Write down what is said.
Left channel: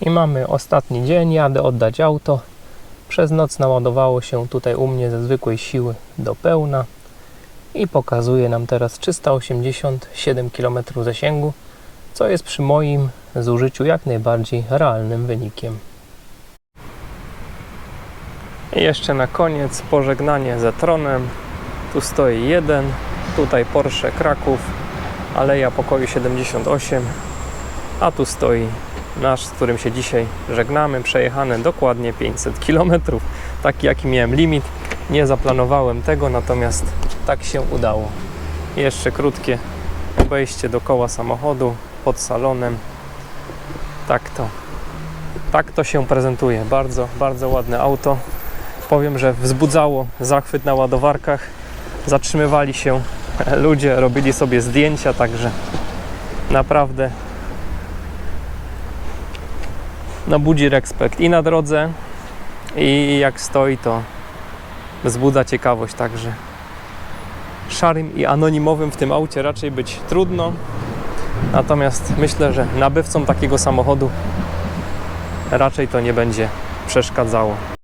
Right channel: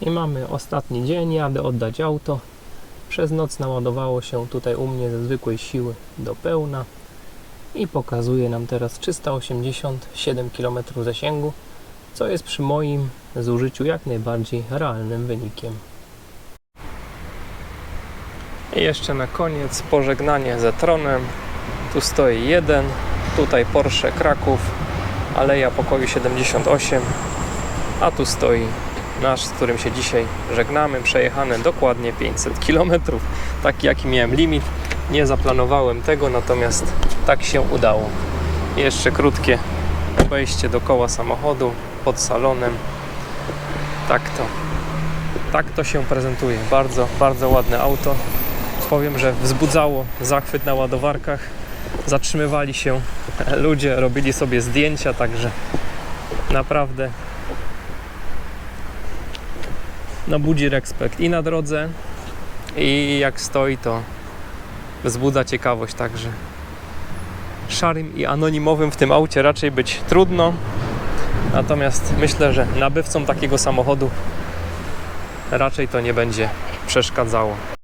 I mamy ostatni dzień, jadę oddać auto. Przez noc naładowało się tutaj u mnie ze zwykłej siły do pełna i pokazuje nam teraz 387 km zasięgu, co jest przy moim zużyciu jak najbardziej realnym wynikiem. I jeszcze na koniec pożegnanie ze tronem. Tu stoi jeden, tutaj Porsche Kraków, Aleja Pokoju 78, a tu stoi nasz, z którym się dzisiaj żegnamy, przejechane dokładnie 500 km, taki jaki miałem limit. Nie zaplanowałem tego, natomiast tak się udało. Jeszcze krótkie obejście dookoła samochodu pod salonem. Tak to, tak to się prezentuje. Bardzo, bardzo ładne auto. Powiem, że wzbudzało zachwyt na ładowarkach. Zatrzymywali się ludzie, robili sobie zdjęcia, także naprawdę no budzi respekt i na drodze i jak stoi to wzbudza ciekawość także. Szarym i anonimowym w tym aucie raczej być trudno natomiast myślę, że nabywcom takiego samochodu raczej to nie będzie przeszkadzało